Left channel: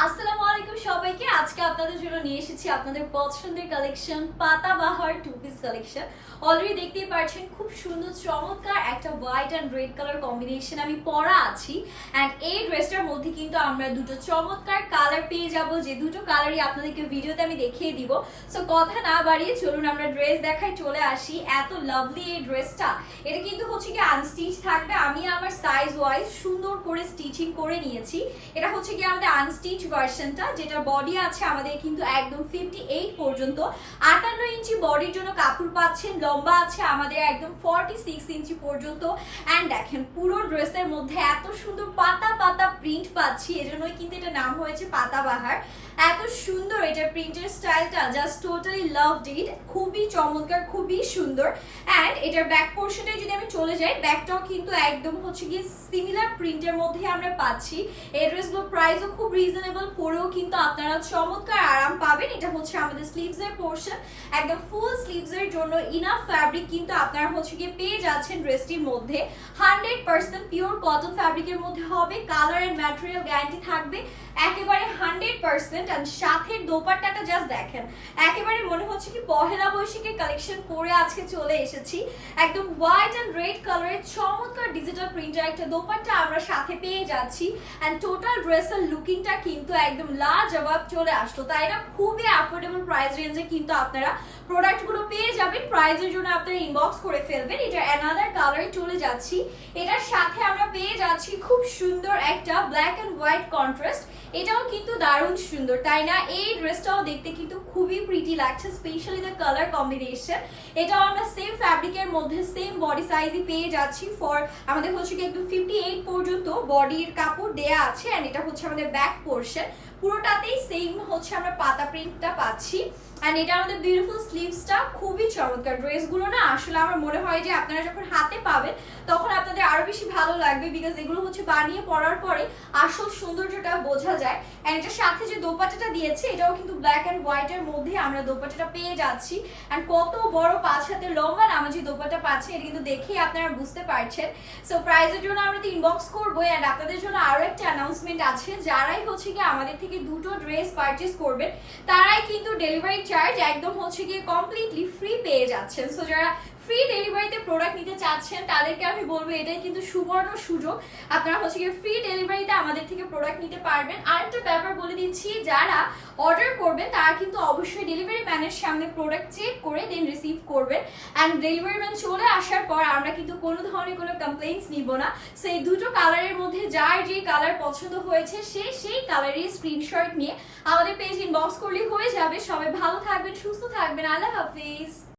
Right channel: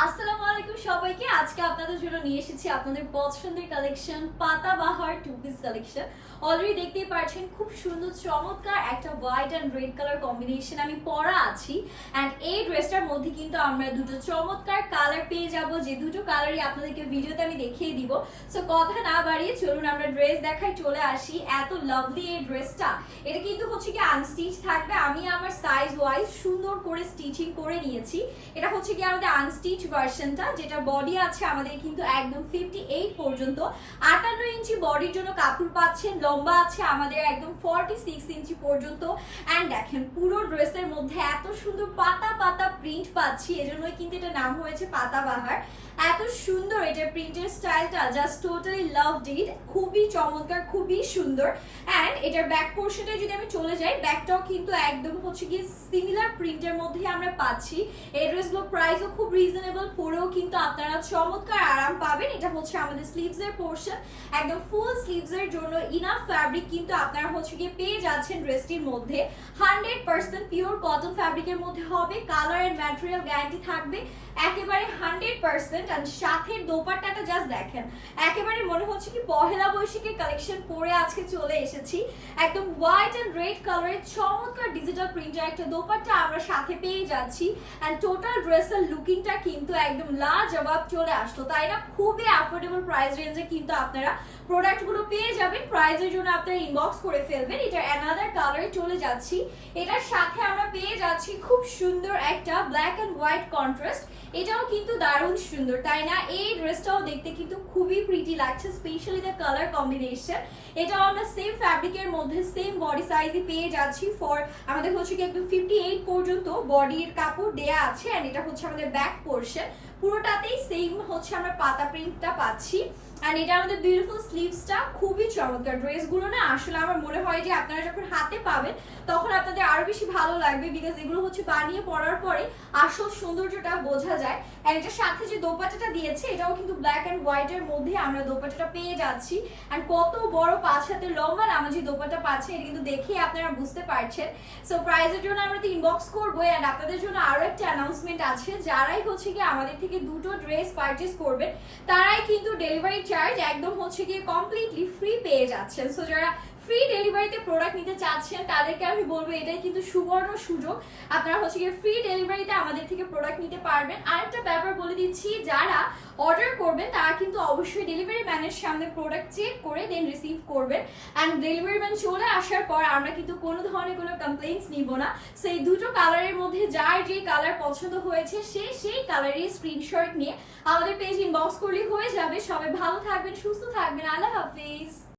আসসালামু আলাইকুম সবাইকে। আজকে আপনাদের জন্য নিয়ে এসেছি আপনাদের পছন্দের collection, Patabahar two piece collection. Already দেখতেই পাচ্ছেন খুব সুন্দর চমৎকার একটা white and red colour combination আমি পরা আছি। অ্যান্ড এই ড্রেসটার মধ্যে কিন্তু আমরা দুটো চমৎকার কালার পেয়ে যাব, যে দুটো কালারই আপনাদেরকে ভিডিওতে আমি দেখিয়ে দিব। সো কথা না বাড়িয়ে চলুন আমরা ড্রেস দেখায় চলে আসি। এত লাভলি এই ড্রেসটা, এটা কিন্তু হচ্ছে কি আনস্টিচ থাকবে। আমি আমার সাইজ ওয়াইজ সুন্দর করে স্টিচিং করে নিয়েছি। এটা হচ্ছে কি আমাদের আনস্টিচ ভার্সনটা, যেটা বডি আছে আমাদের কিন্তু একদম 58 পর্যন্ত। 58 ইঞ্চি বডির জন্য কাপড় পাচ্ছেন। লম্বা আছে আমাদের একদম 46 ইঞ্চি পর্যন্ত। অ্যান্ড দেখেন পুরো ড্রেসের মধ্যে এত সুন্দর পাতা পাতা প্রিন্ট পাচ্ছি, এজন্যই কিন্তু এটা নাম হয়েছে পাতাবাহার। এত সুন্দর এটা প্রিন্টের স্টাইলটা, জাস্ট টোটালি লাভড ইট। খুবই চমৎকার, খুবই সুন্দর। অ্যান্ড এটার ব্যাক পোর্শনে যদি আমি চলে যাই, ব্যাকটাও কিন্তু একদম হচ্ছে কি সিমিলার প্রিন্টের মধ্যে আমরা পাচ্ছি। এই ড্রেসগুলোর প্রাইসও খুব রিজনেবল, পরেও কিন্তু আপনারা চমৎকার আরাম পাবেন। এটা হচ্ছে আমাদের স্লিভস এর পোর্শন, একদম ফুল স্লিভস এর জন্য ইনাফ ফ্যাব্রিক কিন্তু আপনারা হচ্ছে কি পেয়ে যাচ্ছেন ড্রেসটির মধ্যে। 100% পিওর কটন ফ্যাব্রিকের মধ্যে হবে। কালার এন্ড ম্যাটেরিয়াল গ্যারান্টি থাকবে একেবারে 100%। এন্ড সাথে দোপাট্টাটা জাস্ট দেখেন, একেবারে মনে হচ্ছে কি পহেলা বৈশাখের কালেকশন পরে আজকে চলে এসেছি। একদম হোয়াইট এন্ড রেড কালারের চমৎকার ডিজিটাল প্রিন্টের একটা দোপাট্টা আমরা সাথে পেয়ে যাচ্ছি। এন্ড টোটাল ড্রেসের লুকিংটা কিন্তু একদম লাজবাব চলে আসলো, তাই না? খুবই অ্যাফোর্ডেবল প্রাইস রেঞ্জে কিন্তু আপনারা প্রোডাক্টগুলো পেয়ে যাবেন। প্রাইসের জন্য আপনারা ইনবক্স করে ফেলবেন। এটা অ্যানাদার কালারে চলে যাচ্ছি। এটার সাথে আমরা পেয়ে যাচ্ছি খুব সুন্দর একটা ব্ল্যাক এন্ড হোয়াইট কন্ট্রাস্ট। এটাও কিন্তু দারুণ সুন্দর, তাই না? এই ড্রেসটাও দেখতে কিন্তু খুবই প্রিটি লাগছে, স্পেশালি দ্য কালার কম্বিনেশন। এটাও আমরা সেম ফ্যাব্রিকের মধ্যে সেম বডি সাইজই পেয়ে যাচ্ছি। ফর আমাদের হচ্ছে কি একদম 58 পর্যন্ত বডির কাপড় দেয়া আছে। এন্ড এটা হচ্ছে আমাদের ব্যাক পোর্শন, পুরোটাতেই সেম হচ্ছে আমরা পাতা প্রিন্টটা পাচ্ছি। এন্ড এটা আমাদের বিউটিফুল স্লিভসটা খুবই চমৎকার। ড্রেসগুলো না আসলে আমার মনে হয় যে আপনারা যখন হাতে পাবেন তখন আপনাদের আরো বেশি ভালো লাগবে, বিকজ এগুলো হচ্ছে বানিয়ে পরার পরে আসল সৌন্দর্যটা বোঝা যায়। এন্ড এটার সাথে যে দোপাট্টাটা দিয়েছে, এটাও কিন্তু ব্ল্যাক এন্ড হোয়াইট এর মধ্যে আমরা দোপাট্টাটা পেয়ে যাচ্ছি। এন্ড কত বড় 5 হাতের লম্বা নামাজি দোপাট্টা পাচ্ছি, এটা কিন্তু দেখেই আপনারা বুঝতে পারছেন। সো প্রাইসের জন্য আমরা তো ইনবক্স করবো। এন্ড আপনাদের জন্য আরো একটা অ্যানাউন্সমেন্ট আছে, যারাই হচ্ছে কি আমাদের থেকে দুটো ড্রেস পারচেজ করবেন তারাই কিন্তু ডেলিভারি চার্জ একদম হচ্ছে গিয়ে কমপ্লিটলি ফ্রি পেয়ে যাচ্ছেন। সো যারা ফ্রি ডেলিভারিতে প্রোডাক্ট নিতে চাচ্ছেন তাদেরকে আমি বলবো এটাই কিন্তু সুবর্ণ সুযোগ, আপনারা হচ্ছে গিয়ে ফ্রি ডেলিভারিতে আমাদের থেকে প্রোডাক্ট নিতে পারবেন। আরেকটা ব্যাপার বলে দিচ্ছি, যারা অর্ডার করবেন তারা কিন্তু অবশ্যই ডেলিভারি ম্যানের সামনে প্রোডাক্ট চেক করে দেন রিসিভ করবেন। অ্যান্ড ডেলিভারি ম্যান চলে আসার পর আমরা কিন্তু কোনো ধরনের কোনো কমপ্লেইন্টস নিব না। সেই দুটো কালারের মধ্যে যার যে কালার পছন্দ হয়েছে সে সেই কালারের স্ক্রিনশট নিয়ে আমাদের পেজ ইনবক্স করলে হয়ে যাবে। সবাই ভালো থাকবেন, সুস্থ থাকবেন। আল্লাহ হাফিজ।